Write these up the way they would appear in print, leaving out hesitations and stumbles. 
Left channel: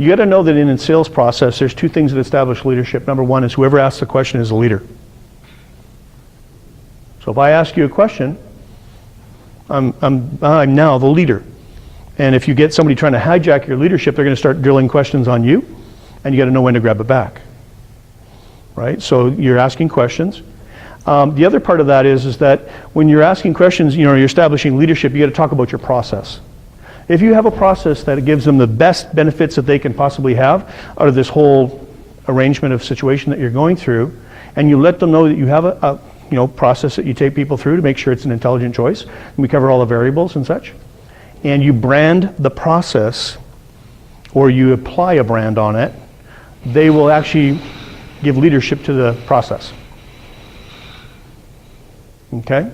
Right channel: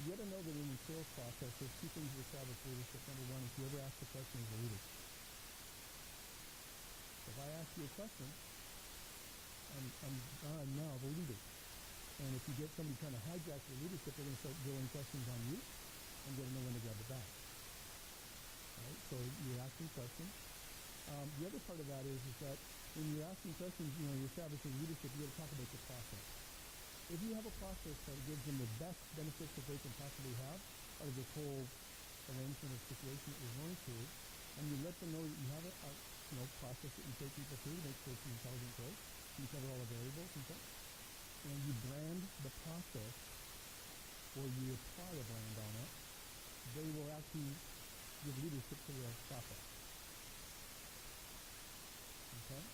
You got to know that in a sales process, there's two things that establish leadership. Number one is whoever asks the question is the leader. So if I ask you a question, I'm now the leader. And if you get somebody trying to hijack your leadership, they're going to start drilling questions on you, and you got to know when to grab it back. Right? So you're asking questions. The other part of that is that when you're asking questions, you're establishing leadership, you got to talk about your process. If you have a process that gives them the best benefits that they can possibly have out of this whole arrangement of situation that you're going through, and you let them know that you have a process that you take people through to make sure it's an intelligent choice, and we cover all the variables and such, and you brand the process, or you apply a brand on it, they will actually give leadership to the process. Okay?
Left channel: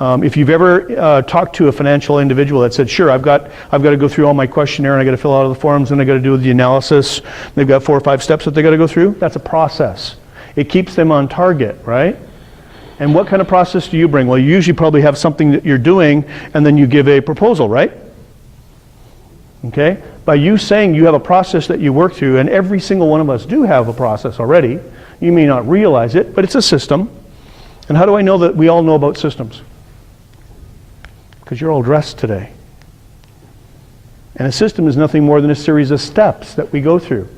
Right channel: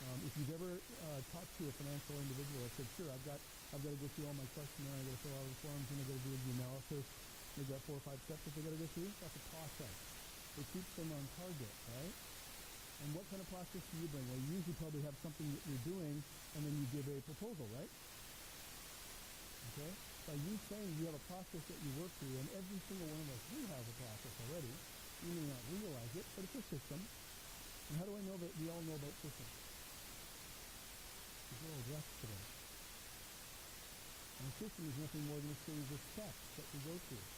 If you've ever talked to a financial individual that said, sure, I've got to go through all my questionnaire and I got to fill out all the forms and I got to do the analysis, they've got 4 or 5 steps that they got to go through, that's a process. It keeps them on target, right? And what kind of process do you bring? Well, you usually probably have something that you're doing and then you give a proposal, right? Okay? By you saying you have a process that you work through, and every single one of us do have a process already, you may not realize it, but it's a system. And how do I know that we all know about systems? Because you're all dressed today. And a system is nothing more than a series of steps that we go through.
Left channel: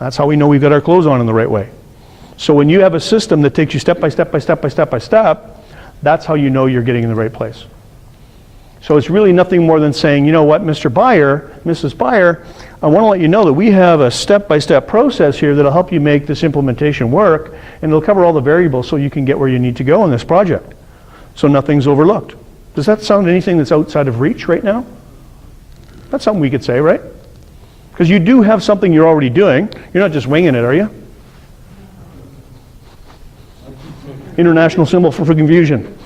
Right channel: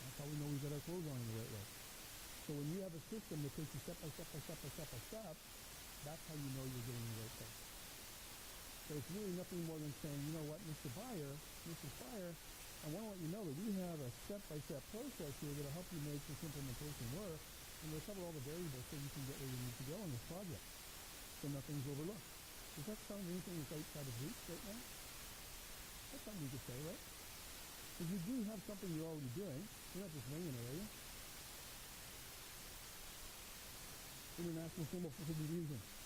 That's how we know we've got our clothes on in the right way. So when you have a system that takes you step by step by step by step by step, that's how you know you're getting in the right place. So it's really nothing more than saying, you know what, Mr. Buyer, Mrs. Buyer, I want to let you know that we have a step-by-step process here that'll help you make this implementation work, and it'll cover all the variables so you can get where you need to go in this project. So nothing's overlooked. Does that sound anything that's outside of reach right now? That's something we could say, right? Because you do have something you're already doing. You're not just winging it, are you? International symbol for confusion.